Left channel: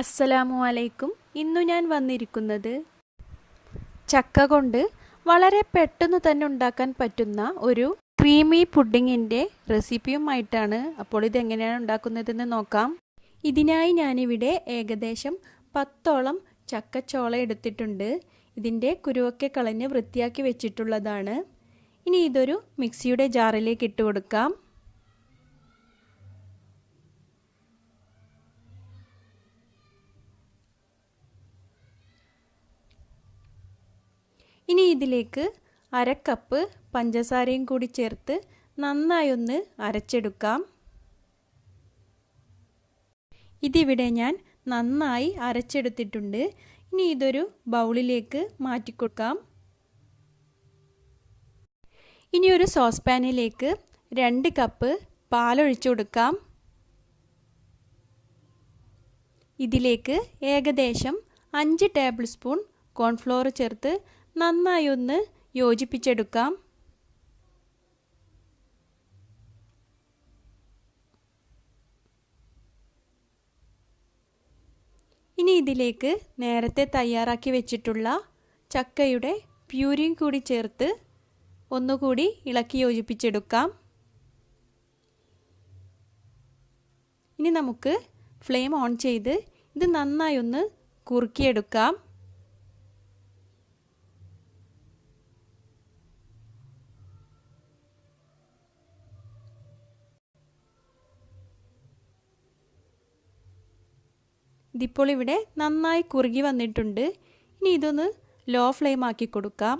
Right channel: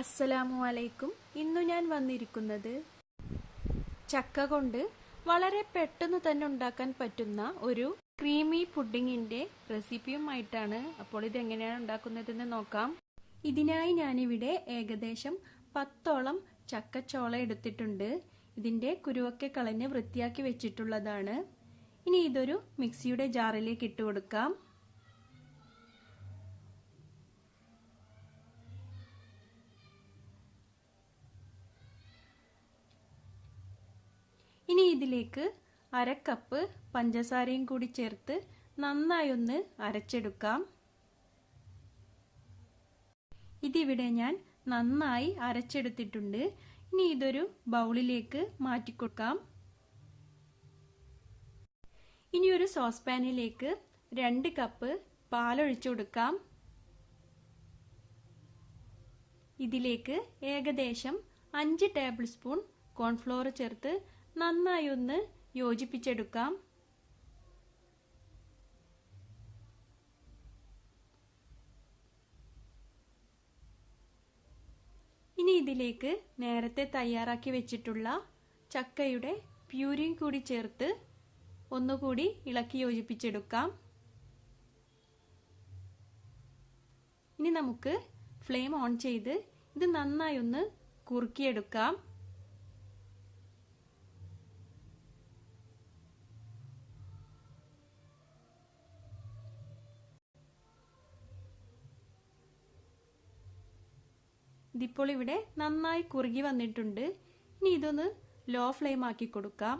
അസ്സലാമു അലൈക്കും. ഇന്നു ഞാൻ വന്നിരിക്കുന്നത് ചക്ക കൊണ്ട് വളരെ പെട്ടെന്ന് തന്നെ ഉണ്ടാക്കാൻ പറ്റുന്ന ഒരു ക്രീമി പുഡിങ്ങിൻ്റെ റെസിപ്പിയുമായിട്ടാണ്. അപ്പോൾ ഇതെങ്ങനെയാണ് ഉണ്ടാക്കുന്നതെന്ന് നോക്കാം. ഇതിനായി ഞാനിവിടെ ഏകദേശം 10ഓളം ചക്കച്ചോള എടുത്തിട്ടുണ്ട്. ഇതിൻ്റെ കുരുവൊക്കെ കളഞ്ഞ് വൃത്തിയാക്കി വെച്ചിട്ടുള്ളതാണ്. ഇനി ഇതൊരു മിക്സിയുടെ ജാറിലേക്ക് ഇട്ട് കൊടുക്കാം. ഇനി ഇതിലേക്ക് 1/2 കപ്പ് പഞ്ചസാരയും കൂടി ചേർത്ത് നന്നായി ഒന്ന് അരച്ചെടുക്കാം. ഇതിവിടെ ഞാൻ നന്നായി അരച്ചെടുത്തിട്ടുണ്ട്. ഇനി ഇതൊരു ബൗളിലേക്ക് മാറ്റിക്കൊടുക്കാം. ഇനി ഒരു സോസ് പാനിലേക്ക് 2 കപ്പ് പാലൊഴിച്ചു കൊടുക്കാം. ഇതിലേക്ക് ഏകദേശം 5 ടേബിൾ സ്പൂൺ കോൺഫ്ലോർ ചേർത്ത് നന്നായി ഒന്ന് യോജിപ്പിച്ചെടുക്കാം. ഇനി ഇതിലേക്ക് നേരത്തെ തയ്യാറാക്കി വെച്ചിട്ടുള്ള ചക്കയുടെ പ്യൂരിയും കൂടി ചേർത്ത് ഒന്നുകൂടി ഇളക്കി യോജിപ്പിച്ചെടുക്കാം. ഇനി നമുക്ക് ഫ്ലെയിം ഓൺ ചെയ്ത് ഇത് നന്നായി ഒന്ന് കുറുക്കിയെടുക്കാം. ഇതിപ്പോൾ ഇവിടെ നന്നായി കുറുകി വന്നിട്ടുണ്ട്. ഇനി ഇതൊന്ന് ലോ ഫ്ലെയിം ആക്കി കൊടുക്കാം.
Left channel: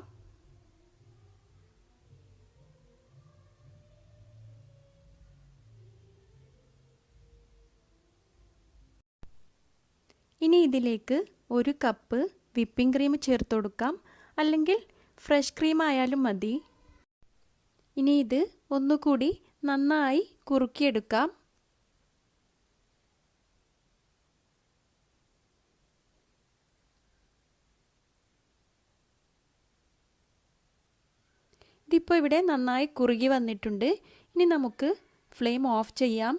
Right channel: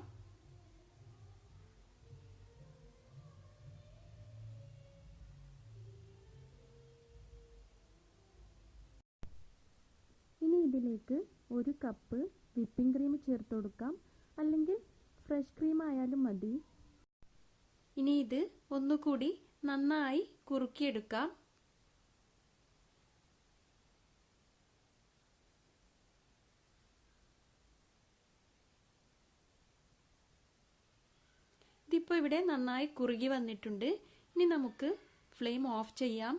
ഇനി ഇതിലേക്ക് 1 കപ്പ് വിപ്പിംഗ് ക്രീം ചേർത്ത് കൊടുക്കാം, അല്ലെങ്കിൽ ഫ്രഷ് ക്രീം ആയാലും മതി. ഇനി ഇത് ഒന്നുകൂടി നന്നായി കുറുക്കിയെടുക്കാം. ഇതിപ്പോൾ ഇവിടെ നന്നായി കുറുകി വന്നിട്ടുണ്ട്. ഇനി നമുക്ക് ഫ്ലെയിം ഓഫ് ചെയ്യാം.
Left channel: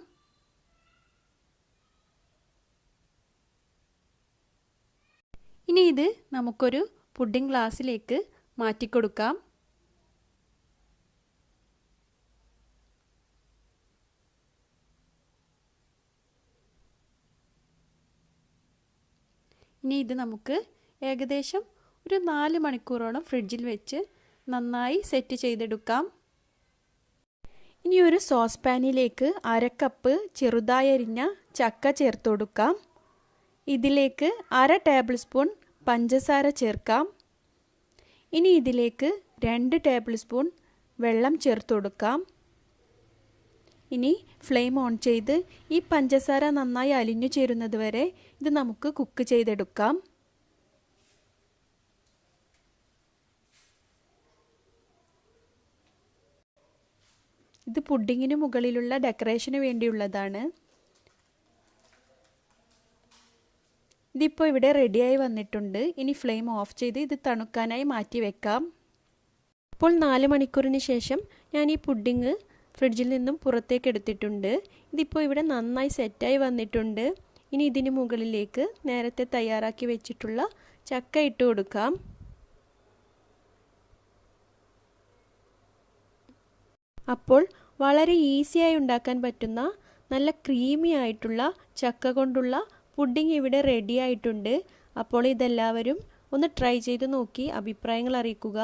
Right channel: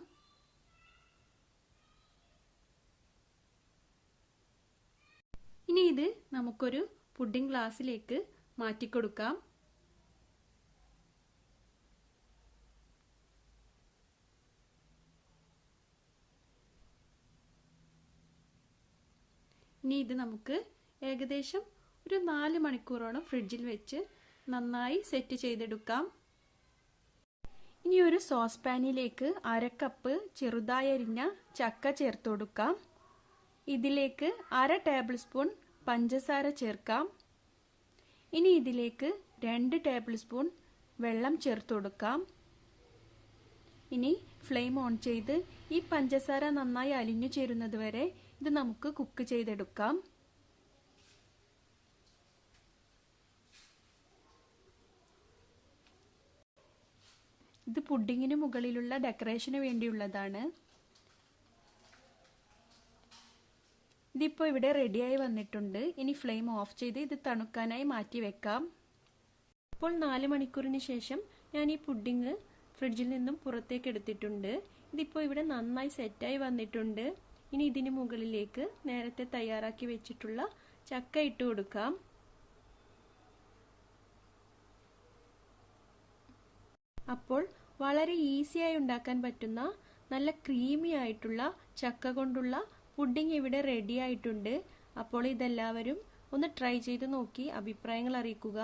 ഇനി ഇത് നമുക്കൊരു പുഡിംഗ് ഗ്ലാസ്സിലേക്ക് മാറ്റിക്കൊടുക്കാം. ഇനി ഇത് നമുക്ക് ഏകദേശം ഒരു 4 മണിക്കൂറോളം ഫ്രിഡ്ജിൽ വെച്ച് നന്നായി സെറ്റ് ചെയ്തെടുക്കാം. ഇനി ഒരു സോസ് പാനിലേക്ക് 1/2 കപ്പ് ചെറുതായി അരിഞ്ഞ ചക്ക ചേർത്ത് കൊടുക്കാം. ഇതിലേക്ക് 1/2 ടേബിൾ സ്പൂൺ പഞ്ചസാര ചേർക്കാം. ഇനി ഇതിലേക്ക് 2 ടേബിൾ സ്പൂൺ വെള്ളം ചേർത്ത് കൊടുക്കാം. ഇനി ഫ്ലെയിം ഓൺ ചെയ്ത് ഈ പഞ്ചസാര നന്നായി അലിഞ്ഞു ചേരുന്നത് വരെ ഇത് നമുക്ക് കുക്ക് ചെയ്തെടുക്കാം. ഇത് പുഡിങ്ങിന് മുകളിലുള്ള ഡെക്കറേഷന് വേണ്ടിയുള്ളതാണ്. ഇതിപ്പോൾ ഇവിടെ റെഡിയായി വന്നിട്ടുണ്ട്. ഇനി ഫ്ലെയിം ഓഫ് ചെയ്ത് ഇത് തണുക്കാനായി മാറ്റി വെക്കാം. ഇപ്പോൾ 4 മണിക്കൂറിന് ശേഷം ഞാൻ ഈ പുഡിങ് ഫ്രിഡ്ജിൽ നിന്നും പുറത്തേക്ക് എടുത്തിട്ടുണ്ട്. ഇതിപ്പോൾ ഇവിടെ നന്നായി സെറ്റായി വന്നിട്ടുണ്ട്. ഇനി ഇതിന് മുകളിലേക്ക് നേരത്തെ തയ്യാറാക്കി വെച്ചിട്ടുള്ള ചക്ക ഇട്ട് കൊടുക്കാം. അപ്പോൾ വളരെ ഈസിയായി ഉണ്ടാക്കാൻ പറ്റുന്ന നല്ല ക്രീമി ആയിട്ടുള്ള ചക്ക കൊണ്ടുള്ള പുഡിംഗ് ഇവിടെ റെഡി ആയിട്ടുണ്ട്. അപ്പോൾ ഇതെല്ലാവരും ഒന്ന് ട്രൈ ചെയ്ത് നോക്കി അഭിപ്രായങ്ങൾ അറിയിക്കുക.